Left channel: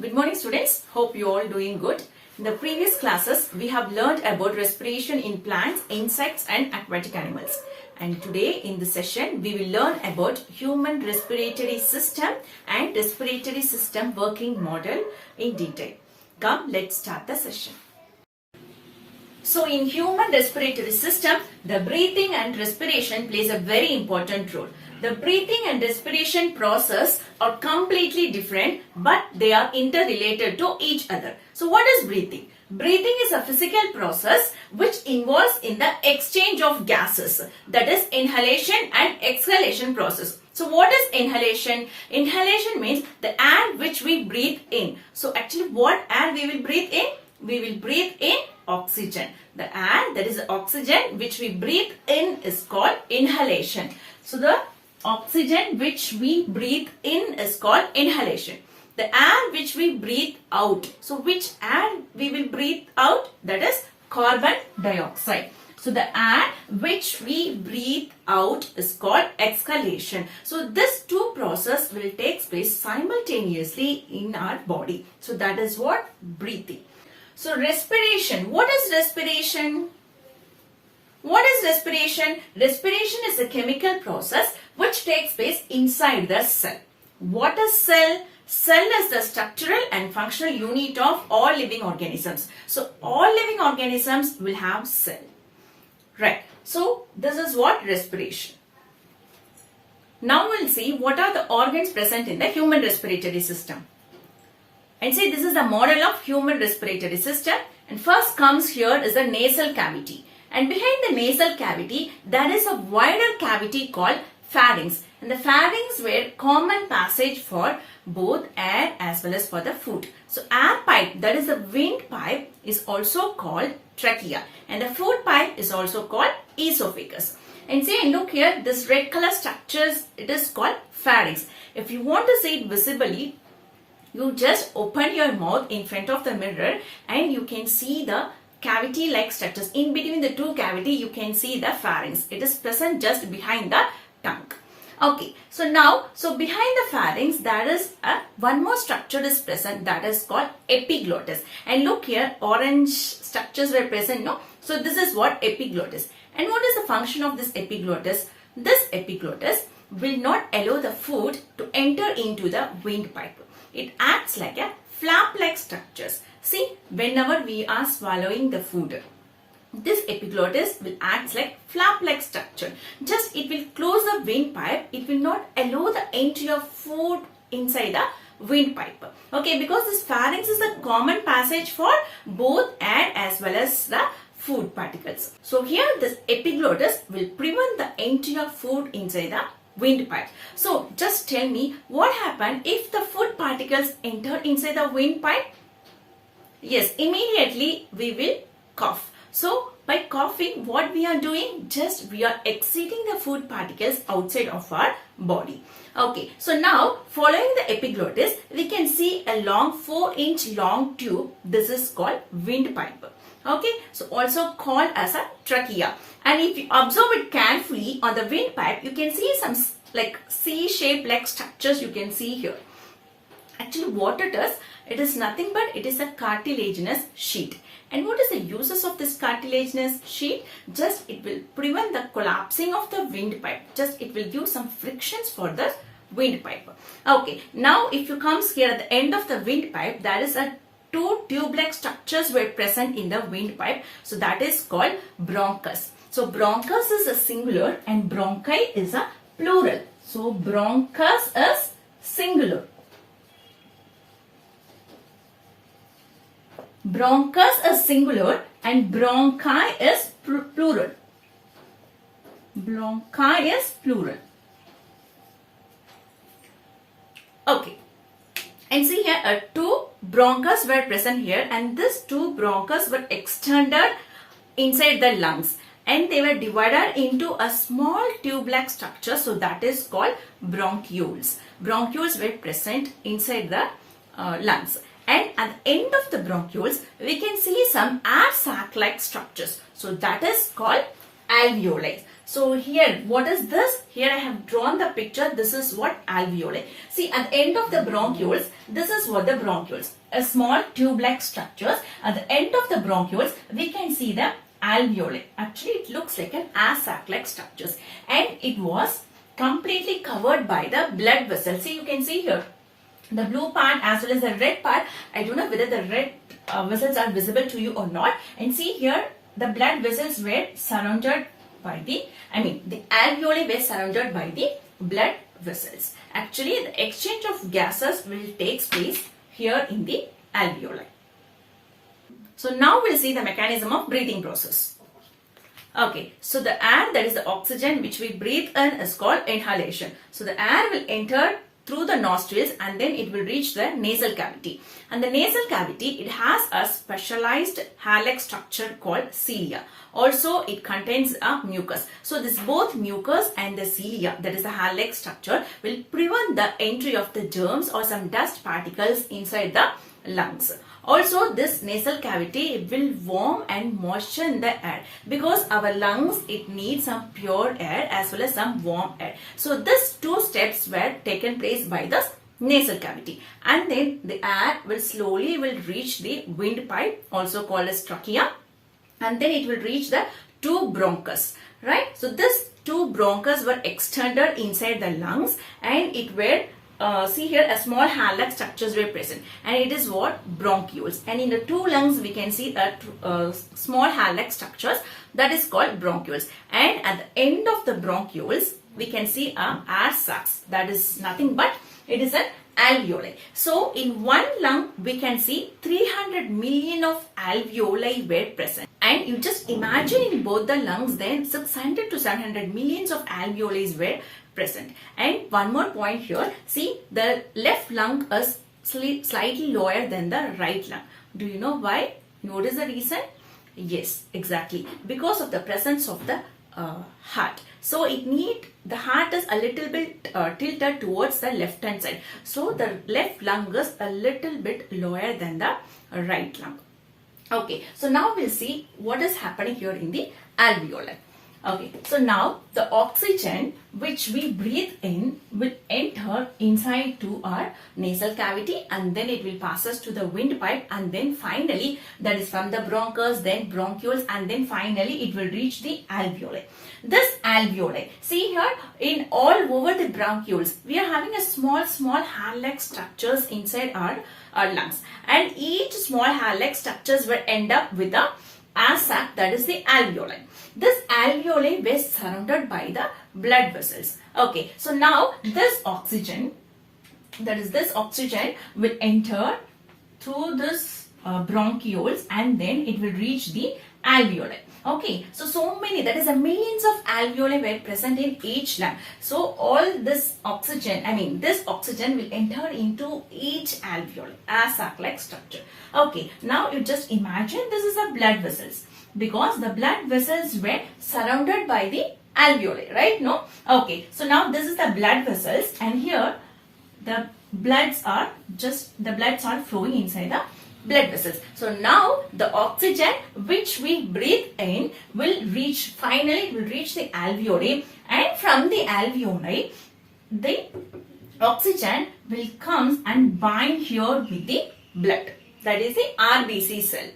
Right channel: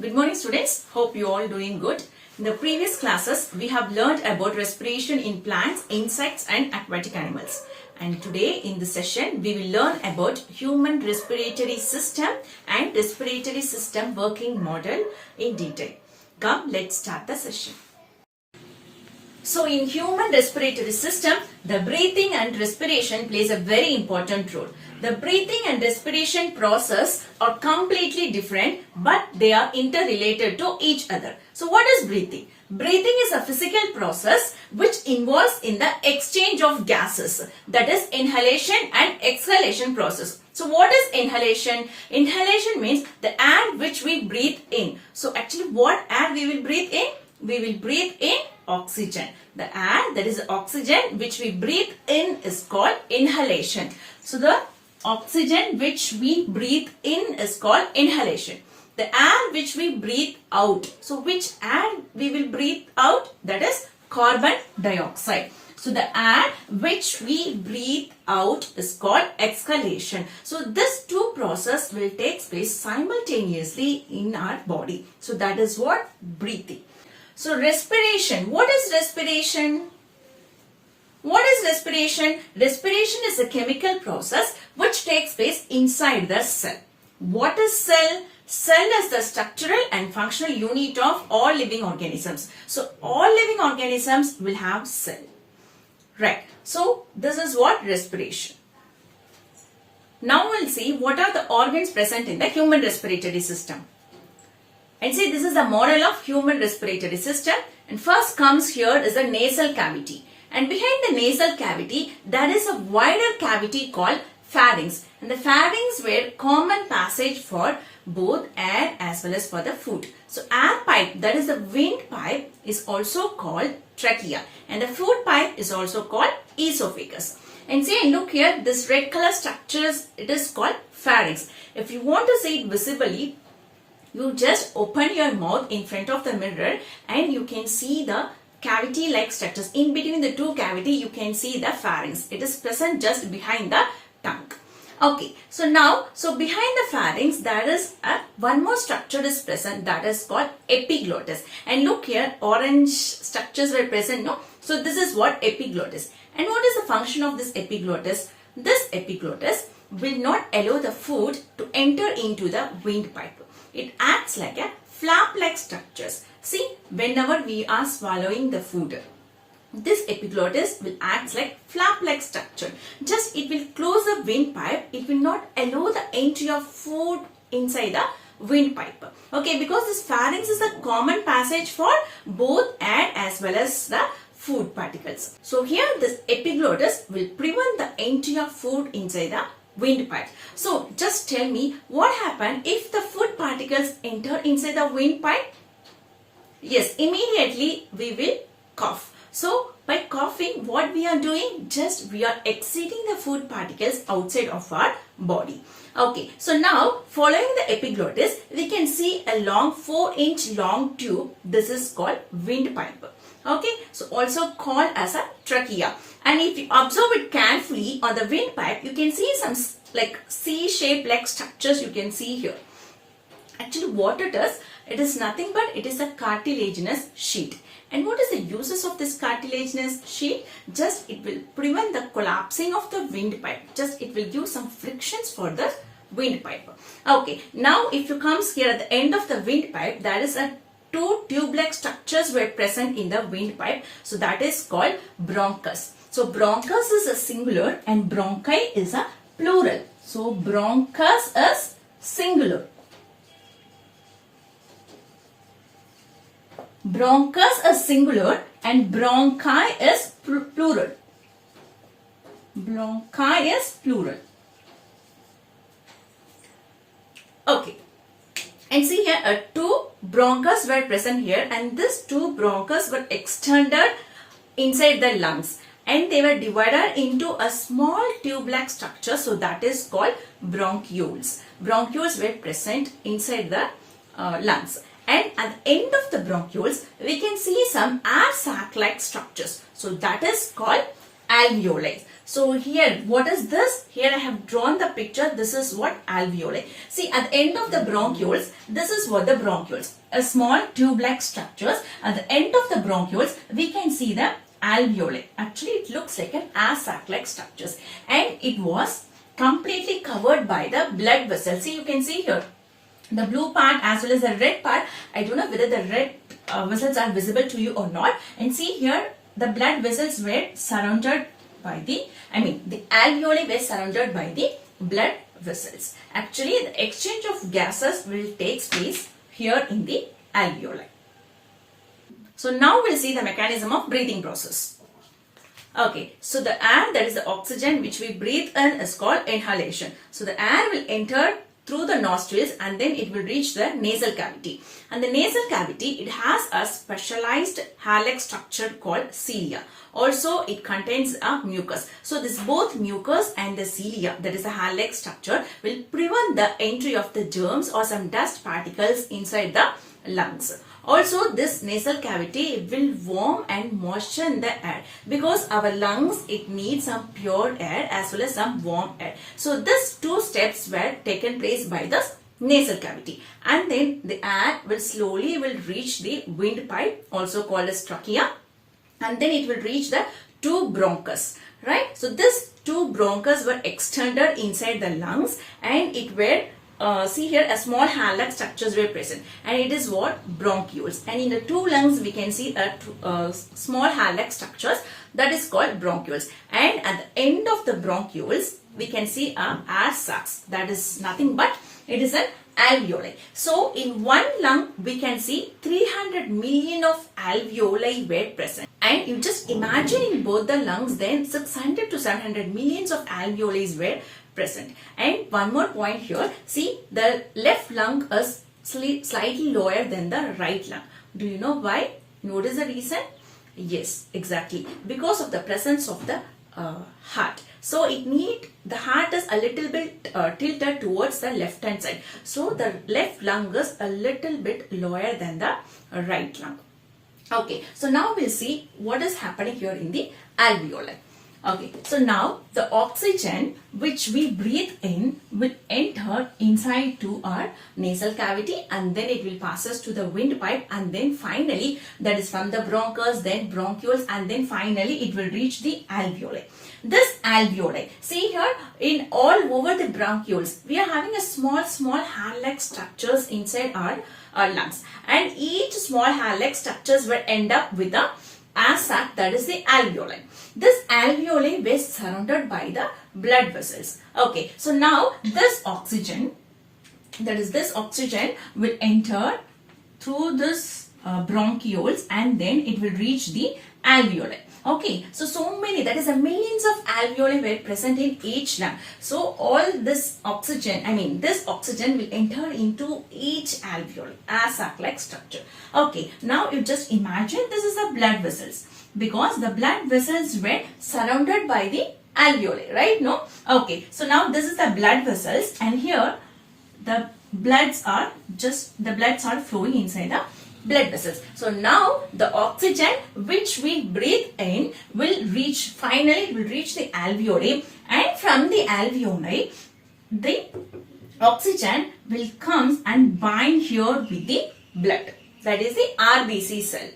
Good morning students. Hope you all doing good. In the previous classes, we have learned about respiration in plants, insects and aquatic animals. And today in this session, we will learn about human respiratory system and respiratory system working model in detail. Come, let's start the session. So in human respiratory system, the breathing and respiration plays a very important role. The breathing and respiration process are completely different, but they are interrelated to each other. So what is breathing? Breathing is a physical process which involves in the exchange of gases, that is inhalation and exhalation process. So what is inhalation? Inhalation means the air which we breathe in. So actually what air we will breathe in? We will breathe in oxygen. The air, that is oxygen which we breathe in, is called inhalation. So the oxygen which we breathe in is called inhalation. The air which we breathe out. So which air we will breathe out? That is carbon dioxide. So the air which we breathe out is called exhalation. So this two process will take place simultaneously in our body. So that is what breathing. So respiration. What is respiration? What is respiration? Respiration is a chemical process which takes place inside the cell. What is cell? Cell is the structural and functional unit of all living organisms. So all living organisms will have cell. Right. So this is what respiration. Now we'll see what are the organs present in the human respiratory system. And see, this is a model of human respiratory system. And first comes here is the nasal cavity. And behind the nasal cavity, there is a wider cavity called pharynx. And the pharynx were common passage for both air as well as for the food. So air pipe, that is the wind pipe, is also called trachea. And the food pipe is also called esophagus. And see, look here, this red color structures, it is called pharynx. If you want to see it visibly, you just open your mouth in front of the mirror and you can see the cavity like structures. In between the two cavity, you can see the pharynx. It is present just behind the tongue. Okay, so now, behind the pharynx, there is one more structure is present, that is called epiglottis. And look here, orange structures were present, no? So this is what epiglottis. And what is the function of this epiglottis? This epiglottis will not allow the food to enter into the windpipe. It acts like a flap-like structures. See, whenever we are swallowing the food, this epiglottis will act like flap-like structure. Just it will close the windpipe. It will not allow the entry of food inside the windpipe. Okay, because this pharynx is a common passage for both air as well as the food particles. So here this epiglottis will prevent the entry of food inside the windpipe. So just tell me what happens if the food particles enter inside the windpipe? Yes, immediately we will cough. So by coughing, what we are doing? Just we are exceeding the food particles outside of our body. Okay, so now following the epiglottis, we can see a long 4-inch long tube. This is called windpipe. Okay, so also called as a trachea. And if you observe it carefully on the windpipe, you can see some like C-shaped like structures you can see here. Actually what it is nothing but it is a cartilaginous sheet. And what is the uses of this cartilaginous sheet? Just it will prevent the collapsing of the windpipe. Just it will give some frictions for the windpipe. Okay, now if you comes here at the end of the windpipe, there is a two tube-like structures were present in the windpipe. So that is called bronchus. So bronchus is a singular and bronchi is a plural. So bronchus is singular. Bronchus is singular and bronchi is plural. Bronchi is plural. Okay. And see here, two bronchus were present here and these two bronchus were extended inside the lungs. And they were divided into a small tube-like structure. So that is called bronchioles. Bronchioles were present inside the lungs. And at the end of the bronchioles, we can see some air sac-like structures. So that is called alveoli. So here, what is this? Here I have drawn the picture. This is what alveoli. See, at the end of the bronchioles, this is what the bronchioles. A small tube-like structures. At the end of the bronchioles, we can see the alveoli. Actually, it looks like an air sac-like structures. And it was completely covered by the blood vessels. See, you can see here the blue part as well as the red part. I don't know whether the red vessels are visible to you or not. And see here, the blood vessels were surrounded by the alveoli were surrounded by the blood vessels. Actually, the exchange of gases will take place here in the alveoli. So now we'll see the mechanism of breathing process. Okay, so the air, that is the oxygen which we breathe in, is called inhalation. So the air will enter through the nostrils and then it will reach the nasal cavity. And the nasal cavity, it has a specialized hair-like structure called cilia. Also, it contains a mucus. So this both mucus and the cilia, that is the hair-like structure, will prevent the entry of the germs or some dust particles inside the lungs. Also, this nasal cavity will warm and moisten the air, because our lungs, it needs some pure air as well as some warm air. So these two steps were taken place by the nasal cavity, and then the air will slowly reach the windpipe, also called as trachea, and then it will reach the two bronchus, right? So these two bronchus were extended inside the lungs, and it were see here, a small hair-like structures were present, and it is what? Bronchioles. And in the two lungs we can see a small hair-like structures, that is called bronchioles. And at the end of the bronchioles we can see a air sacs, that is nothing but it is an alveoli. So in one lung we can see 300 million of alveoli were present. And you just imagine in both the lungs, then 600 to 700 millions of alveoli were present. And one more point here, see, the left lung is slightly lower than the right lung. Do you know why? Notice the reason? Yes, exactly, because of the presence of the heart. So the heart is a little bit tilted towards the left hand side. So the left lung is a little bit lower than the right lung. Okay, so now we'll see what is happening here in the alveoli. Okay, so now the oxygen which we breathe in will enter inside to our nasal cavity, and then it will pass us to the windpipe, and then finally, that is from the bronchus, then bronchioles, and then finally it will reach the alveoli. This alveoli, see here, in all over the bronchioles, we are having a small hair-like structures inside our lungs, and each small hair-like structures will end up with a air sac, that is the alveoli. This alveoli was surrounded by the blood vessels. Okay, so now this oxygen, that is this oxygen, will enter through this bronchioles, and then it will reach the alveoli. Okay, so many, that is a millions of alveoli were present in each lung. So all this oxygen, this oxygen will enter into each alveoli, air sac-like structure. Okay, now you just imagine this is the blood vessels, because the blood vessels were surrounded by the alveoli, right? No? Okay, so now this is the blood vessels, and here the bloods are flowing inside the blood vessels. So now the oxygen which we breathe in will reach the alveoli, and from the alveoli the oxygen will come and bind here with the blood, that is the RBC cell.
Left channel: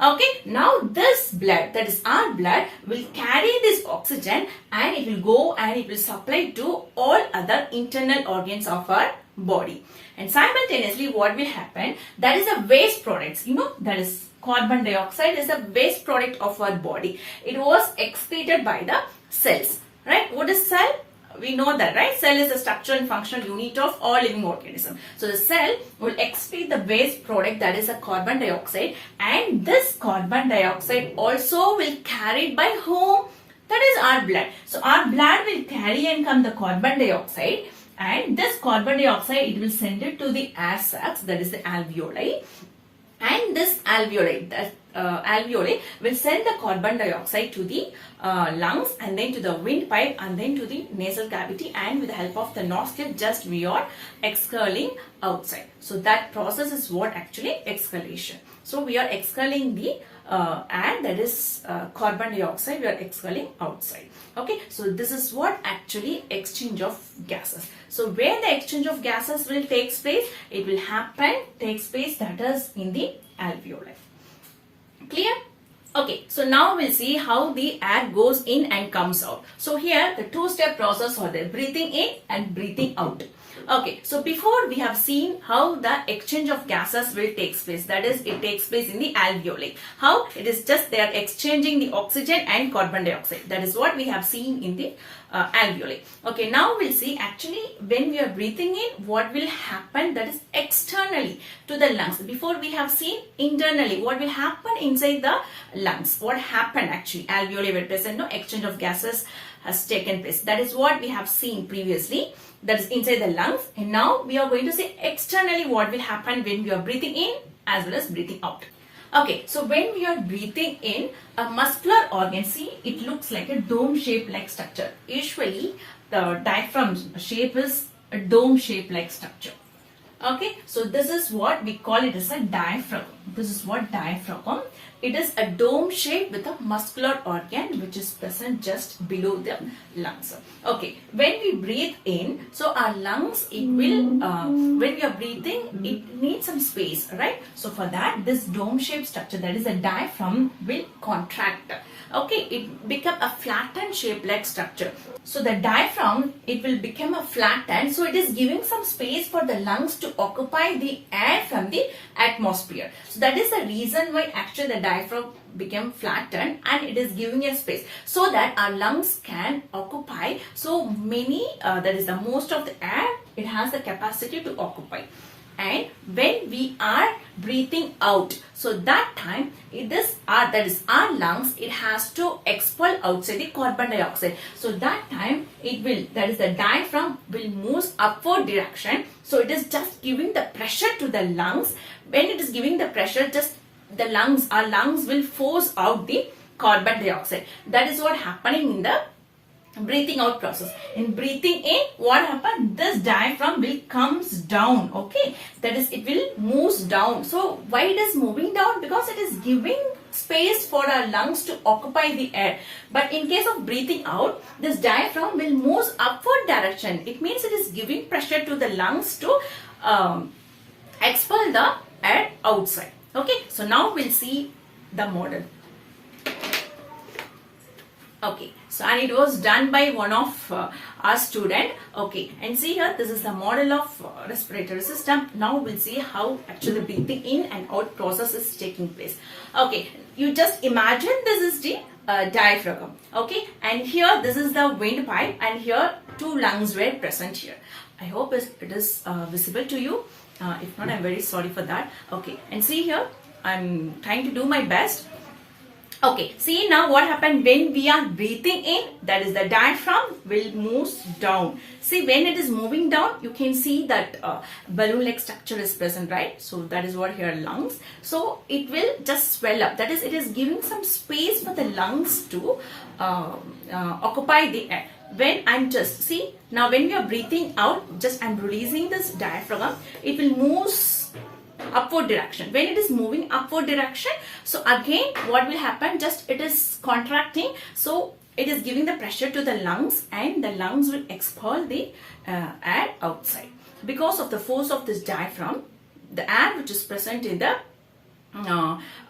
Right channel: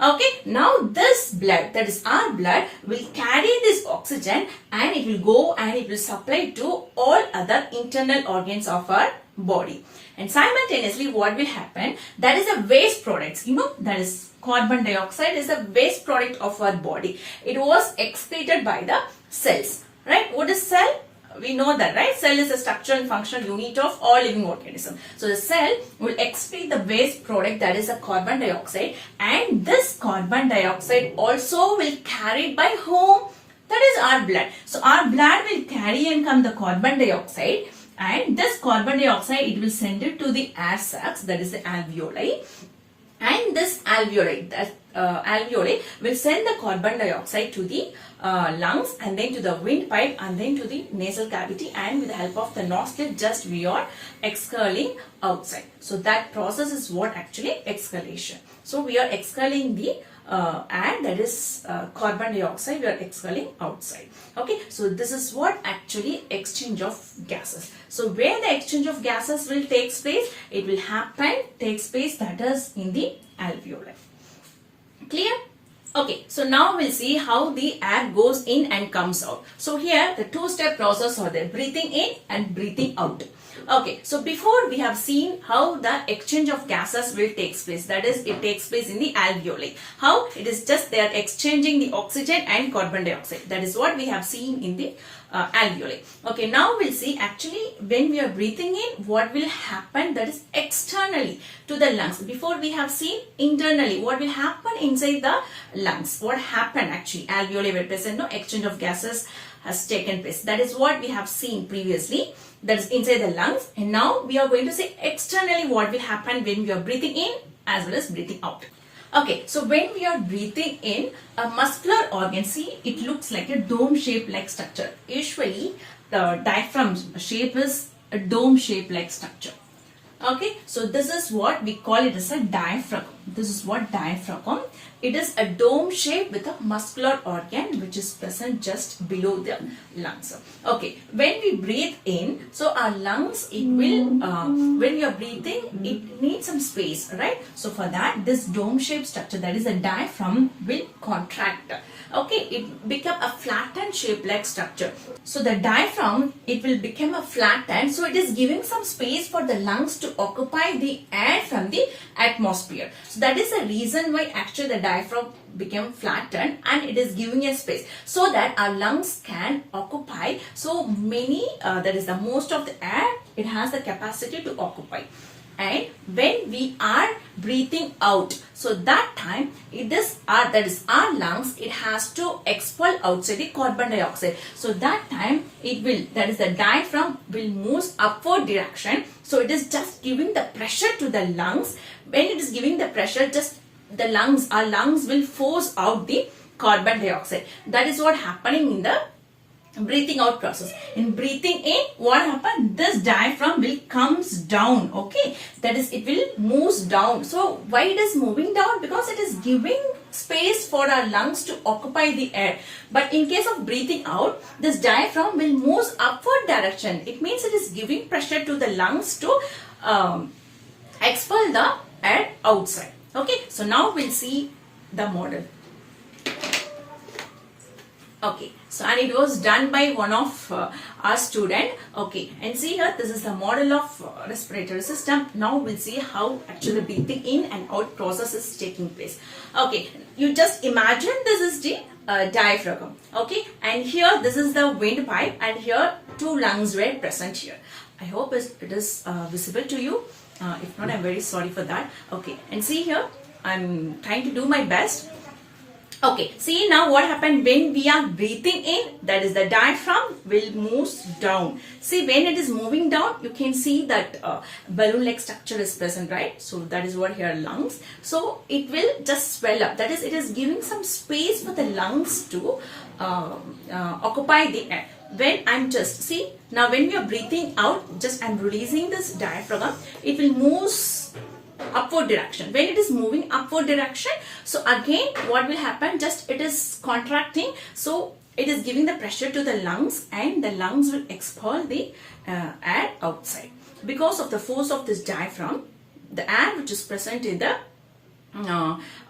Okay, now this blood, that is our blood, will carry this oxygen, and it will go and it will supply to all other internal organs of our body. And simultaneously what will happen, that is the waste products, that is carbon dioxide is the waste product of our body. It was excreted by the cells, right? What is cell? We know that, right? Cell is a structural and functional unit of all living organisms. So the cell will excrete the waste product, that is a carbon dioxide, and this carbon dioxide also will carried by whom? That is our blood. So our blood will carry and come the carbon dioxide, and this carbon dioxide, it will send it to the air sacs, that is the alveoli, and this alveoli will send the carbon dioxide to the lungs, and then to the windpipe, and then to the nasal cavity, and with the help of the nostril, just we are exhaling outside. So that process is what actually exhalation. So we are exhaling the air, that is carbon dioxide, we are exhaling outside. Okay, so this is what actually exchange of gases. So where the exchange of gases will take place, it will takes place, that is in the alveoli. Clear? Okay, so now we'll see how the air goes in and comes out. So here the two-step process are there, breathing in and breathing out. Okay, so before we have seen how the exchange of gases will take place, that is it takes place in the alveoli. How? It is just they are exchanging the oxygen and carbon dioxide. That is what we have seen in the alveoli. Okay, now we'll see actually when we are breathing in, what will happen, that is externally to the lungs. Before we have seen internally what will happen inside the lungs. What happened actually, alveoli were present, no exchange of gases has taken place. That is what we have seen previously, that is inside the lungs. And now we are going to see externally what will happen when we are breathing in as well as breathing out. Okay, so when we are breathing in, a muscular organ, see, it looks like a dome shape like structure. Usually the diaphragm shape is a dome shape like structure. Okay, so this is what we call it as a diaphragm. This is what diaphragm. It is a dome shape with a muscular organ which is present just below the lungs. Okay, when we breathe in, so our lungs, it will, when we are breathing, it needs some space, right? So for that, this dome shape structure, that is a diaphragm, will contract. Okay, it become a flattened shape like structure. So the diaphragm, it will become a flattened, so it is giving some space for the lungs to occupy the air from the atmosphere. So that is the reason why actually the diaphragm became flattened, and it is giving a space so that our lungs can occupy so many, that is the most of the air it has the capacity to occupy. And when we are breathing out, so that time it is our lungs, it has to expel outside the carbon dioxide. So that time it will, that is the diaphragm will move upward direction. So it is just giving the pressure to the lungs. When it is giving the pressure, just the lungs, our lungs will force out the carbon dioxide. That is what happening in the breathing out process. In breathing in, what happens? This diaphragm will comes down. Okay, that is, it will moves down. So why it is moving down? Because it is giving space for our lungs to occupy the air. But in case of breathing out, this diaphragm will move upward direction. It means it is giving pressure to the lungs to expel the air outside. Okay, so now we'll see the model. Okay, so and it was done by one of our student. Okay, and see here, this is the model of respiratory system. Now we'll see how actually breathing in and out process is taking place. Okay, you just imagine this is the diaphragm. Okay, and here this is the windpipe, and here two lungs were present here. I hope it is visible to you. If not, I'm very sorry for that. Okay, and see here, I'm trying to do my best. Okay, see now what happened when we are breathing in, that is the diaphragm will move down. See, when it is moving down, you can see that balloon like structure is present, right? So that is what here lungs. So it will just swell up. That is, it is giving some space for the lungs to occupy the air. When I'm just, see, now when we are breathing out, just I'm releasing this diaphragm, it will move upward direction. When it is moving upward direction, so again what will happen, just it is contracting, so it is giving the pressure to the lungs, and the lungs will expel the air outside. Because of the force of this diaphragm, the air which is present in the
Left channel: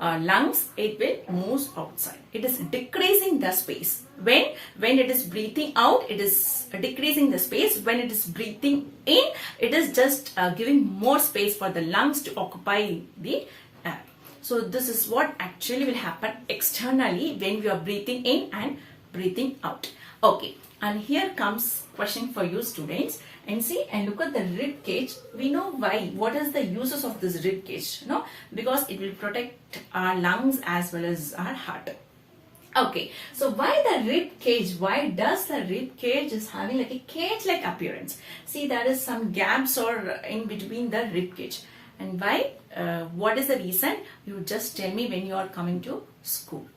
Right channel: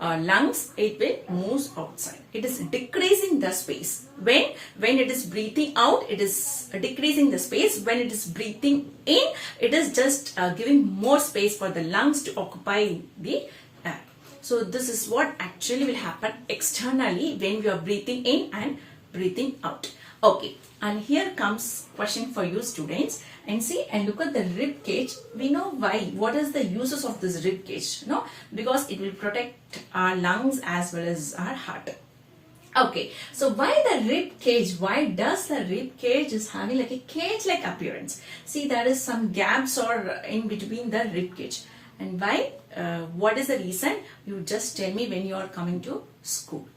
lungs, it will move outside. It is decreasing the space. When it is breathing out, it is decreasing the space. When it is breathing in, it is just giving more space for the lungs to occupy the air. So this is what actually will happen externally when we are breathing in and breathing out. Okay, and here comes question for you students. And see, and look at the rib cage. We know why. What is the uses of this rib cage? No, because it will protect our lungs as well as our heart. Okay, so why the rib cage? Why does the rib cage is having like a cage-like appearance? See, there is some gaps or in between the rib cage. And why? What is the reason? You just tell me when you are coming to school.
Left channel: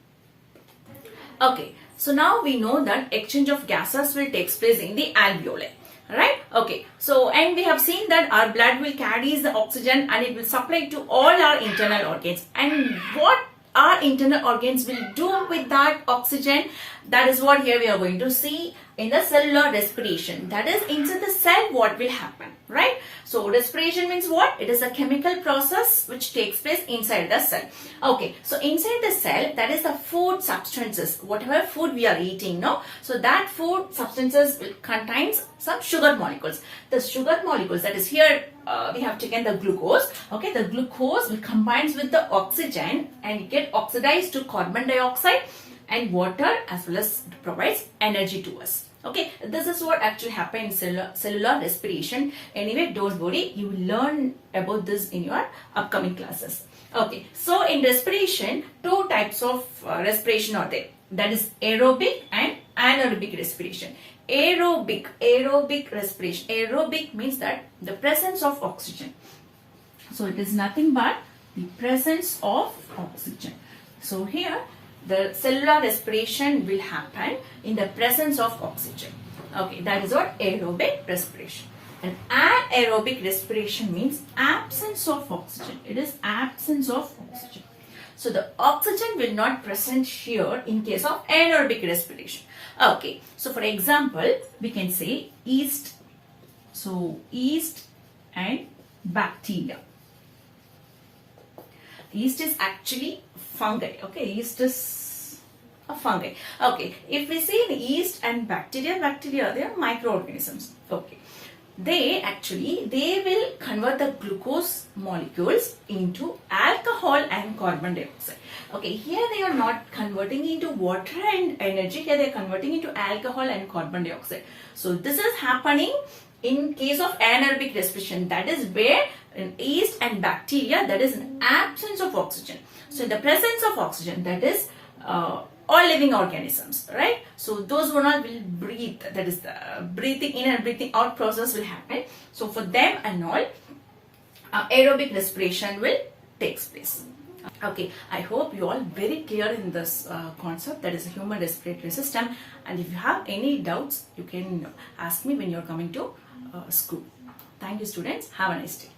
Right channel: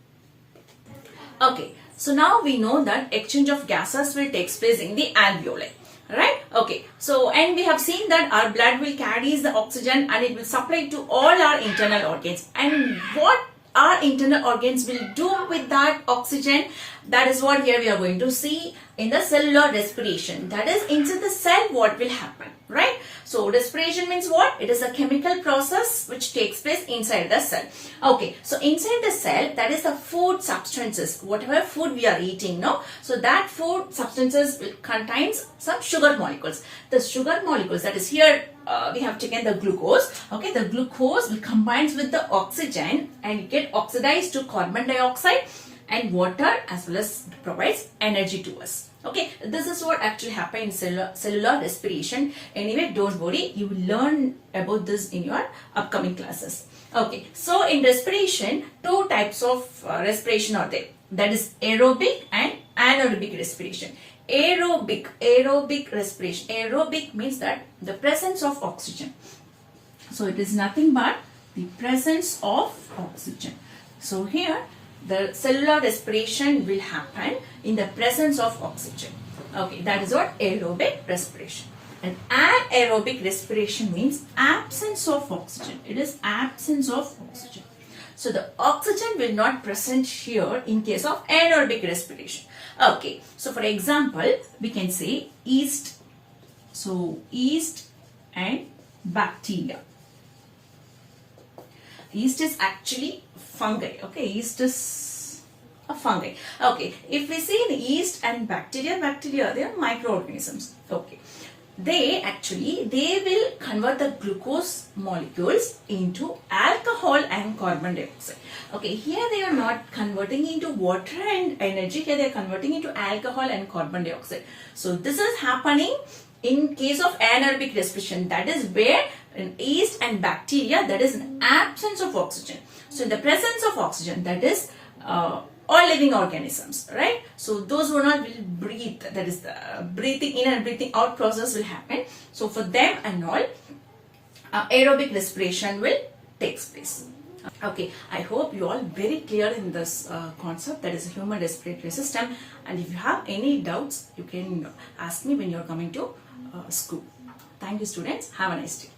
Okay, so now we know that exchange of gases will take place in the alveoli. Right? Okay. So, and we have seen that our blood will carry the oxygen and it will supply to all our internal organs. And what our internal organs will do with that oxygen, that is what here we are going to see in the cellular respiration. That is, inside the cell what will happen, right? So respiration means what? It is a chemical process which takes place inside the cell. Okay, so inside the cell, that is the food substances, whatever food we are eating, no? So that food substances will contains some sugar molecules. The sugar molecules, that is here we have taken the glucose. Okay, the glucose will combines with the oxygen and get oxidized to carbon dioxide and water, as well as provides energy to us. Okay, this is what actually happens in cellular respiration. Anyway, don't worry, you will learn about this in your upcoming classes. Okay, so in respiration, two types of respiration are there. That is aerobic and anaerobic respiration. Aerobic respiration. Aerobic means that the presence of oxygen. So it is nothing but the presence of oxygen. So here the cellular respiration will happen in the presence of oxygen. Okay, that is what aerobic respiration. And anaerobic respiration means absence of oxygen. It is absence of oxygen. So the oxygen will not present here in case of anaerobic respiration. Okay, so for example, we can say yeast. So yeast and bacteria. Yeast is actually fungi. Okay, yeast is a fungi. Okay, if we see the yeast and bacteria, they are microorganisms. Okay, they will convert the glucose molecules into alcohol and carbon dioxide. Okay, here they are not converting into water and energy. Here they are converting into alcohol and carbon dioxide. So this is happening in case of anaerobic respiration. That is where in yeast and bacteria, that is an absence of oxygen. So in the presence of oxygen, that is all living organisms, right? So those one all will breathe. That is the breathing in and breathing out process will happen. So for them and all, aerobic respiration will takes place. Okay, I hope you all very clear in this concept, that is the human respiratory system. And if you have any doubts, you can ask me when you are coming to school. Thank you, students. Have a nice day.